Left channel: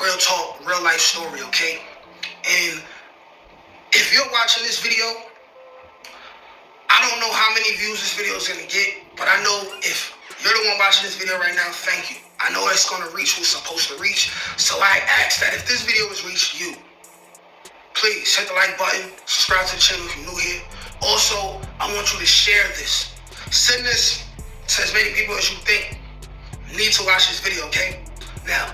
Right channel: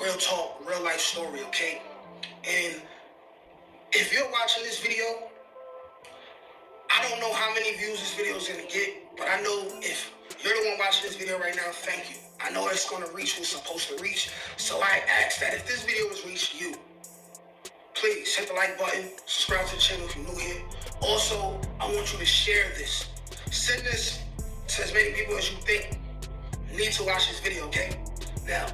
real talk, real life story, okay? And if you're watching this video, I don't know how many views this video is gonna get, but I know if you're the one watching this video right now, thank you. I know it's gonna reach what's supposed to reach, so I ask that if this video has reached you, please hit the like button, subscribe to the channel if you're new here. Also, I want you to share this. Send this to as many people as you think need to watch this video, okay? Now,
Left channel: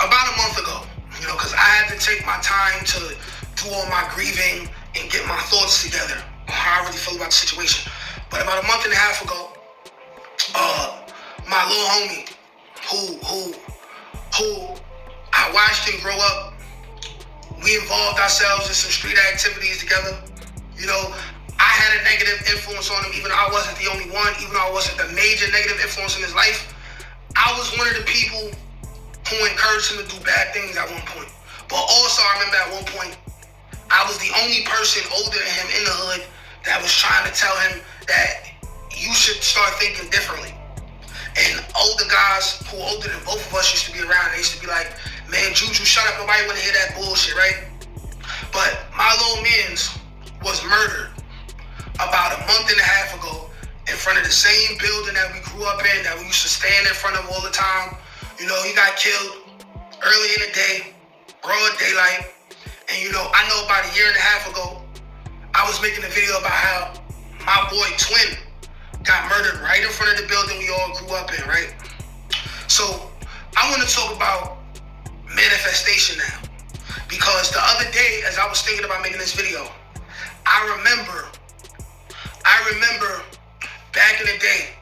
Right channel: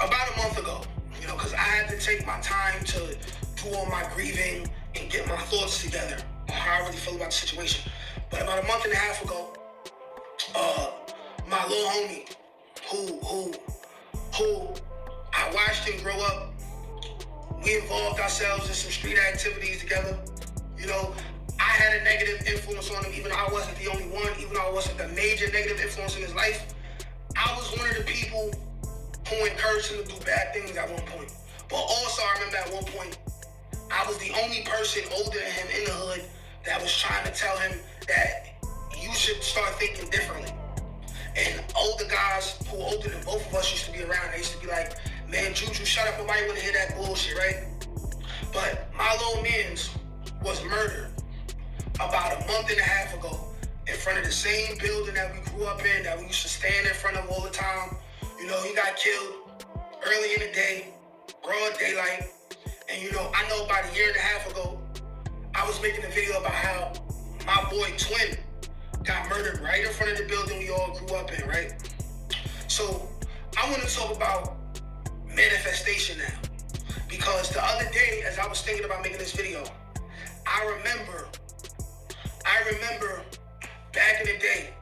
about a month ago, because I had to take my time to do all my grieving and get my thoughts together on how I really feel about the situation. But about a month and a half ago, my little homie, who I watched him grow up, we involved ourselves in some street activities together. I had a negative influence on him, even though I wasn't the only one, even though I wasn't the major negative influence in his life. I was one of the people who encouraged him to do bad things at one point. But also, I remember at one point, I was the only person older than him in the hood that was trying to tell him that you should start thinking differently. And older guys who are older than both of us used to be around. They used to be like, man, Juju, shut up. Nobody want to hear that bullshit, right? But my little mans was murdered about a month and a half ago in front of the same building that we grew up in, that we used to stand in front of all the time. He got killed early in the day, broad daylight. And I know about a year and a half ago, I was making a video about how my boy Twin got murdered right in front of the building we all grew up in, right? So I want to talk about manifestation now. Because the other day, as I was thinking about making this video, I remember back in the day,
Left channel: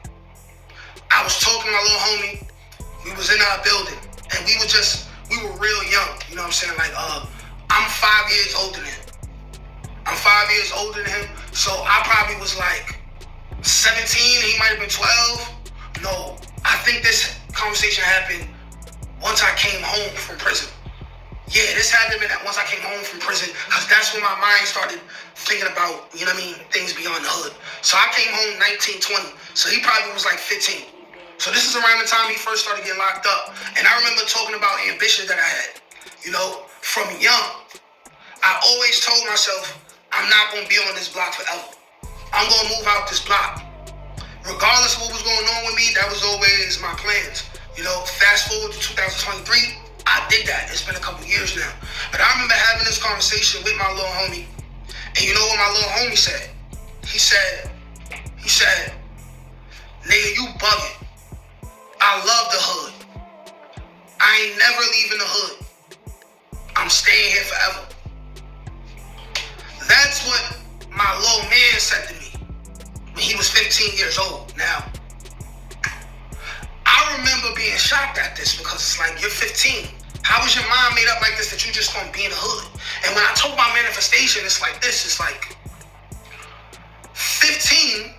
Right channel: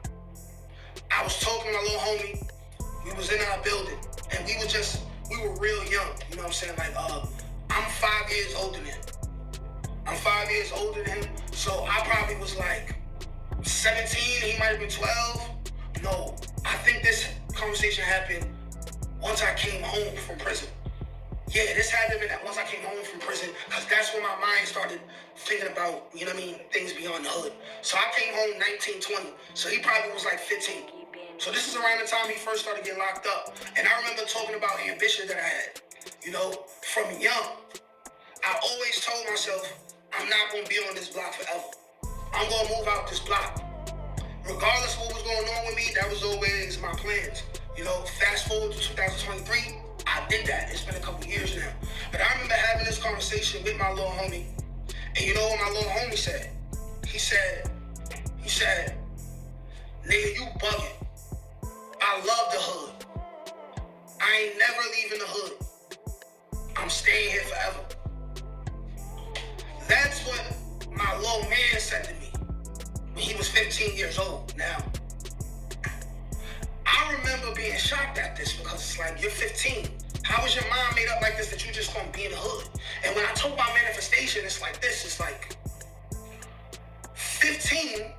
I was talking to my little homie. We was in our building, and we were real young. You know what I'm saying? Like, I'm 5 years older than him. I'm 5 years older than him, so I probably was like 17, he might have been 12. No, I think this conversation happened once I came home from prison. Yeah, this had to have been once I came home from prison, because that's when my mind started thinking about, things beyond the hood. So I came home 19, 20, so he probably was like 15. So this is around the time he first started getting locked up. And I remember talking about ambitions that I had. From young, I always told myself, I'm not going to be on this block forever. I'm going to move out this block. Regardless of what was going on with me, that was always my plans. Fast forward to 2023, I did that. It's been a couple years now. But I remember having this conversation with my little homie. And you know what my little homie said? He said, nigga, you bugging. I love the hood. I ain't never leaving the hood. I'm staying here forever. That's what my little man said to me when he was 15 years old. Now, I remember being shocked at this, because it's like, you're 15. How was your mind made up like this that you just gonna be in the hood? And when I talk about manifestation, it's like this. It's like 15,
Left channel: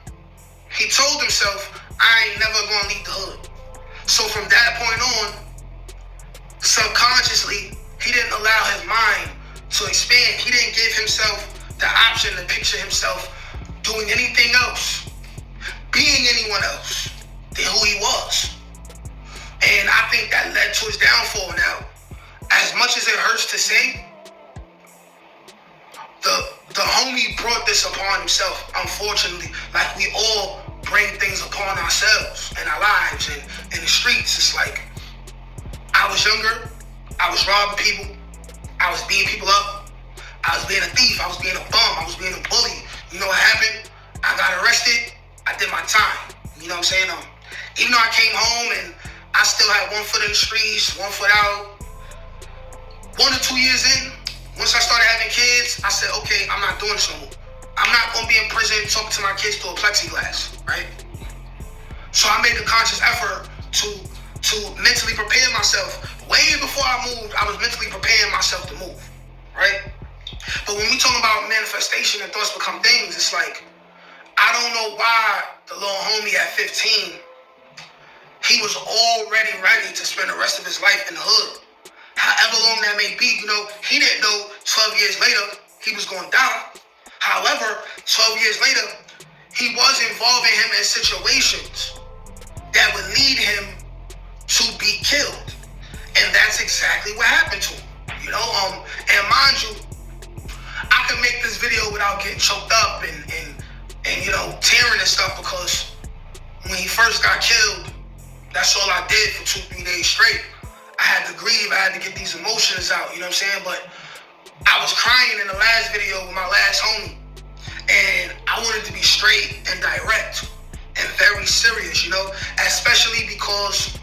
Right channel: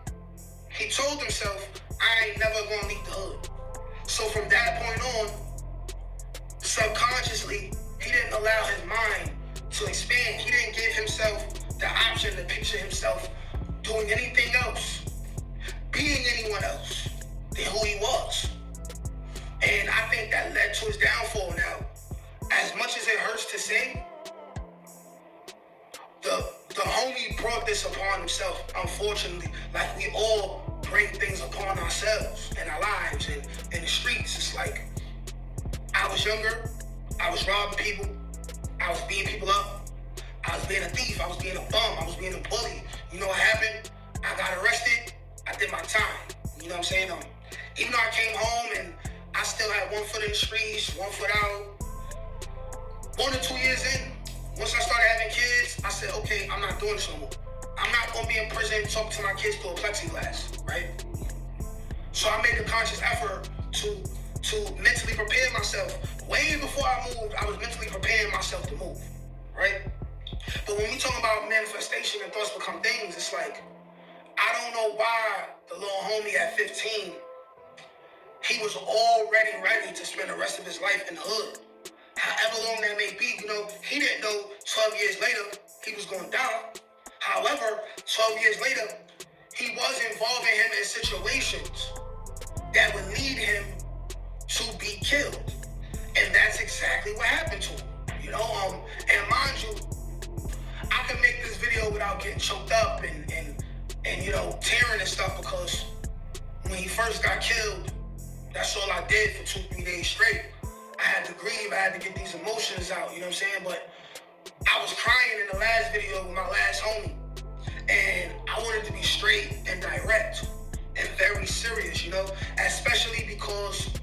he told himself, I ain't never gonna leave the hood. So from that point on, subconsciously, he didn't allow his mind to expand. He didn't give himself the option to picture himself doing anything else, being anyone else than who he was. And I think that led to his downfall. Now, as much as it hurts to say, the homie brought this upon himself, unfortunately. Like, we all bring things upon ourselves in our lives and in the streets. It's like, I was younger, I was robbing people, I was beating people up, I was being a thief, I was being a bum, I was being a bully. You know what happened? I got arrested, I did my time. You know what I'm saying? Even though I came home and I still had 1 foot in the streets, 1 foot out, 1 or 2 years in, once I started having kids, I said, okay, I'm not doing this no more. I'm not going to be in prison talking to my kids through a plexiglass, right? So I made a conscious effort to mentally prepare myself. Way before I moved, I was mentally preparing myself to move, right? But when we talk about manifestation and thoughts become things, it's like, I don't know why the little homie at 15, he was already ready to spend the rest of his life in the hood. However long that may be, he didn't know 12 years later he was going to die. However, 12 years later, he was involving him in situations that would lead him to be killed. And And that's exactly what happened to him. You know, and mind you, I could make this video without getting choked up and you know, tearing and stuff, because when he first got killed, that's all I did for 2-3 days straight. I had to grieve, I had to get these emotions out, you know what I'm saying? But I was crying in the last video with my last homie, and I wanted to be straight and direct and very serious, you know, especially because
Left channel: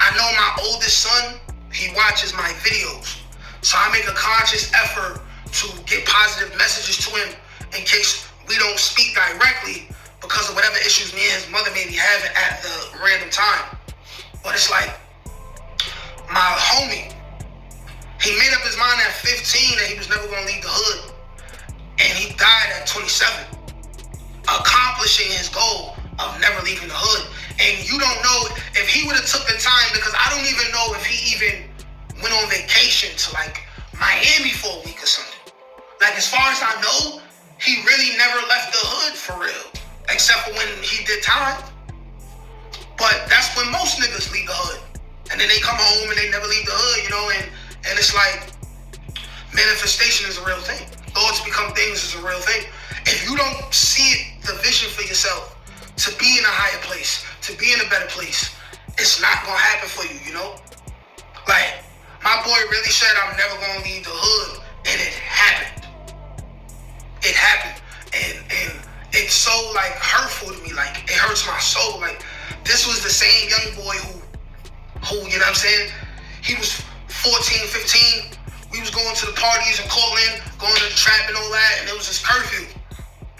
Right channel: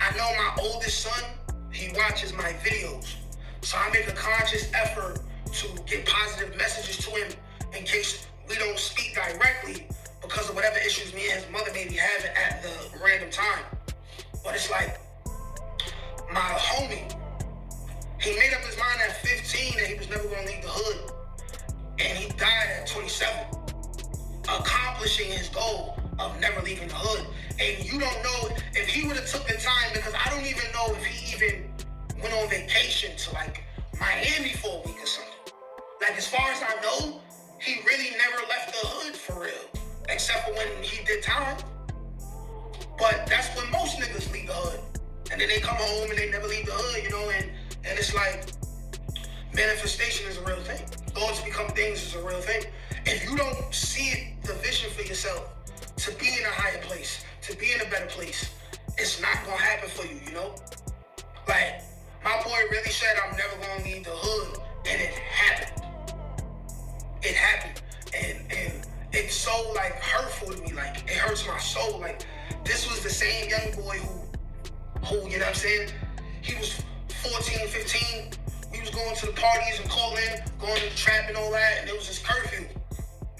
I know my oldest son, he watches my videos. So I make a conscious effort to get positive messages to him in case we don't speak directly because of whatever issues me and his mother may be having at the random time. But it's like, my homie, he made up his mind at 15 that he was never going to leave the hood. And he died at 27, accomplishing his goal of never leaving the hood. And you don't know if he would have took the time, because I don't even know if he even went on vacation to like Miami for a week or something. Like, as far as I know, he really never left the hood for real, except for when he did time. But that's when most niggas leave the hood. And then they come home and they never leave the hood, you know, and it's like, manifestation is a real thing. Thoughts become things is a real thing. If you don't see it, the vision for yourself, to be in a higher place, to be in a better place, it's not gonna happen for you, you know? Like, my boy really said, I'm never gonna leave the hood, and it happened. It happened, and it's so like hurtful to me. Like, it hurts my soul. Like, this was the same young boy who, you know what I'm saying? He was 14, 15. We was going to the parties and calling, going to the trap and all that, and it was his curfew.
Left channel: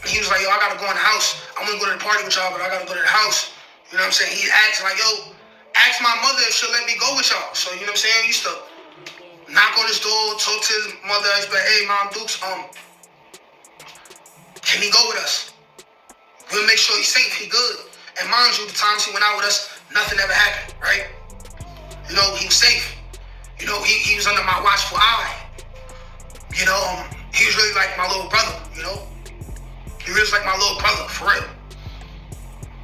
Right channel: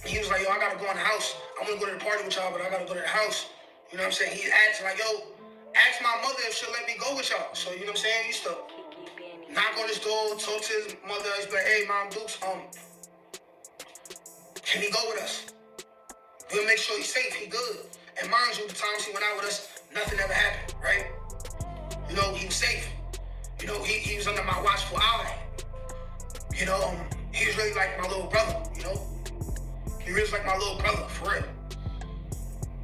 And he was like, yo, I gotta go in the house. I'm gonna go to the party with y'all, but I gotta go to the house. You know what I'm saying? He asked like, yo, ask my mother if she'll let me go with y'all. So, you know what I'm saying? He used to knock on his door, talk to his mother, he's like, hey, Mom Dukes, can he go with us? We'll make sure he's safe, he good. And mind you, the times he went out with us, nothing ever happened, right? You know, he was safe. You know, he was under my watchful eye. You know, he was really like my little brother, you know? He really was like my little brother, for real.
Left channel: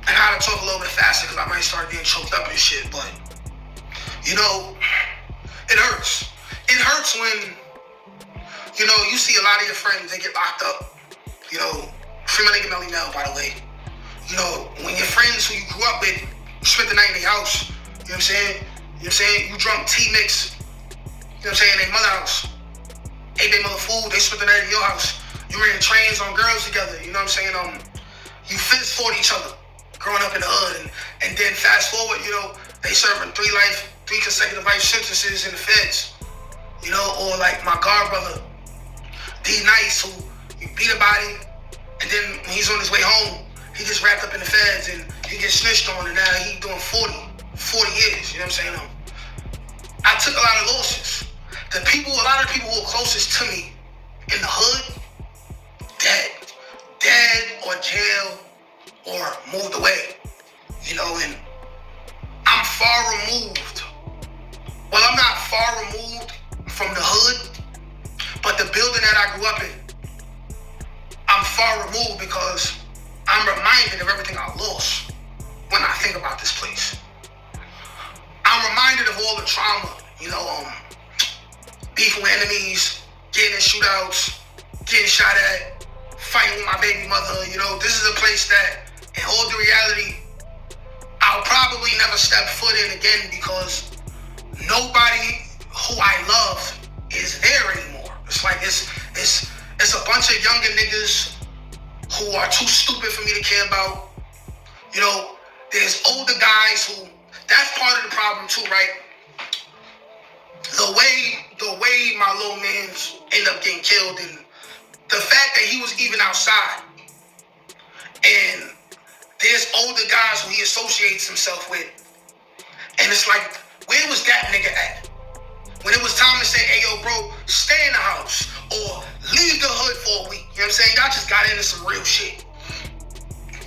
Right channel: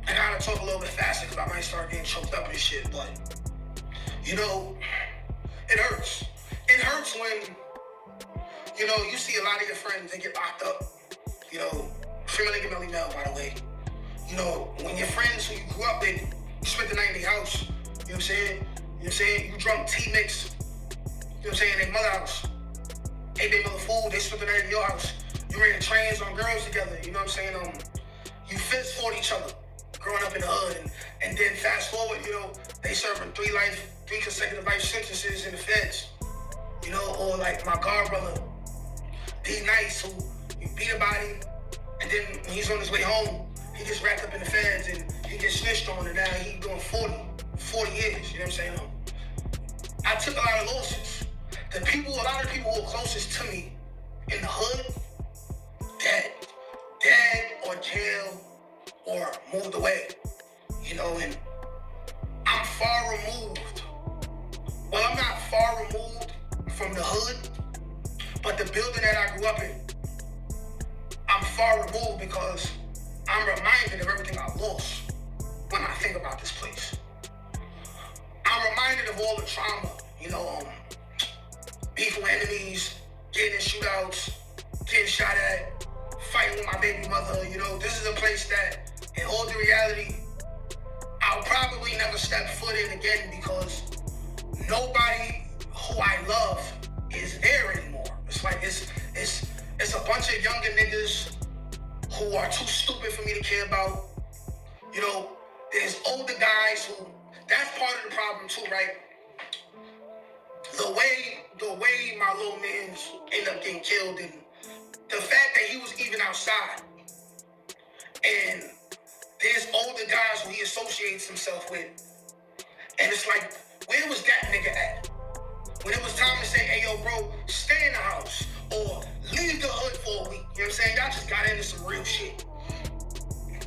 I gotta talk a little bit faster because I might start getting choked up and shit, but, you know, it hurts. It hurts when, you know, you see a lot of your friends, they get locked up. You know, free my nigga Melly Mel, by the way. You know, when your friends who you grew up with, you spent the night in their house, you know what I'm saying? You know what I'm saying? You drunk tea mix, you know what I'm saying, in their mother's house. Ate their mother food, they spent the night in your house. You ran trains on girls together, you know what I'm saying? You fist fought each other growing up in the hood, and then fast forward, you know, they serving 3 consecutive life sentences in the feds. You know, or like my god brother, D Nice, who beat a body, and then when he's on his way home, he gets wrapped up in the feds and he gets snitched on, and now he's doing 40 years, you know what I'm saying? I took a lot of losses. A lot of the people who were closest to me in the hood, dead or jail or moved away, you know, and I'm far removed. Well, I'm not far removed from the hood, but the building that I grew up in, I'm far removed because I'm reminded of everything I lost when I think about this place. I'm reminded of all the trauma, you know, beef with enemies, getting in shootouts, getting shot at, fighting with my baby mother. You know, this is a place that, in all the reality, I'll probably never step foot in again because nobody who I love is there anymore. It's like, it's a bunch of younger niggas who are too stupid for me to care about. You know, there's older guys who, that's part of the problem too, right? The way my little mans end up getting killed, and the fact that he was even outside, and there's older guys who he associates himself with, and it's like, where was that nigga at? When it was time to say, hey yo bro, stay in the house, or leave the hood for a week, you know what I'm saying? Y'all just got into some real shit.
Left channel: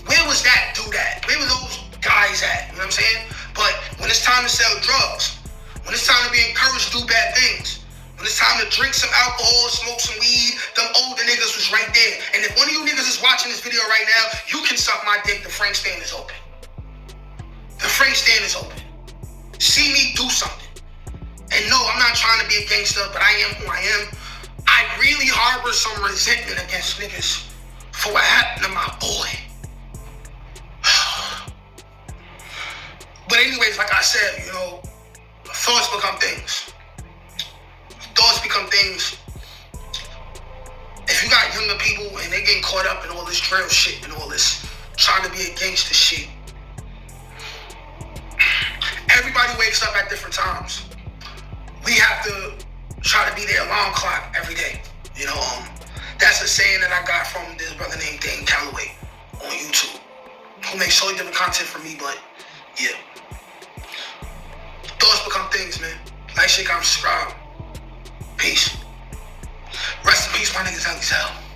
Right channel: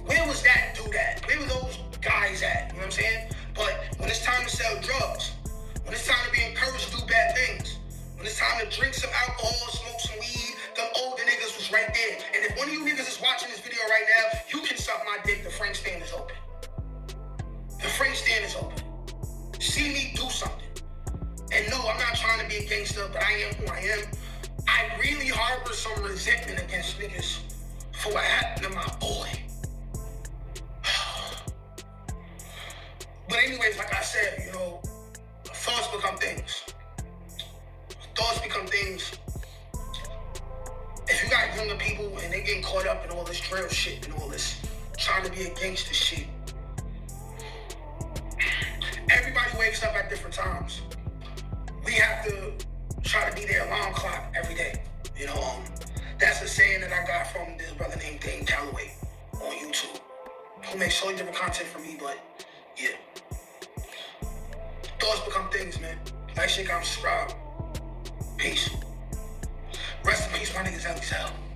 Where was that dude at? Where were those guys at, you know what I'm saying? But when it's time to sell drugs, when it's time to be encouraged to do bad things, when it's time to drink some alcohol, smoke some weed, them older niggas was right there. And if one of you niggas is watching this video right now, you can suck my dick. The Frank stand is open. The Frank stand is open. See me do something. And no, I'm not trying to be a gangster, but I am who I am. I really harbor some resentment against niggas for what happened to my boy. But anyways, like I said, you know, thoughts become things. Thoughts become things. If you got younger people and they getting caught up in all this drill shit and all this trying to be a gangster shit, everybody wakes up at different times. We have to try to be their alarm clock every day. You know, that's a saying that I got from this brother named Dane Calloway on YouTube, who makes totally different content from me, but yeah. Thoughts become things, man. Like, shit, comment, subscribe. Peace. Rest in peace, my niggas, Ellie Hell.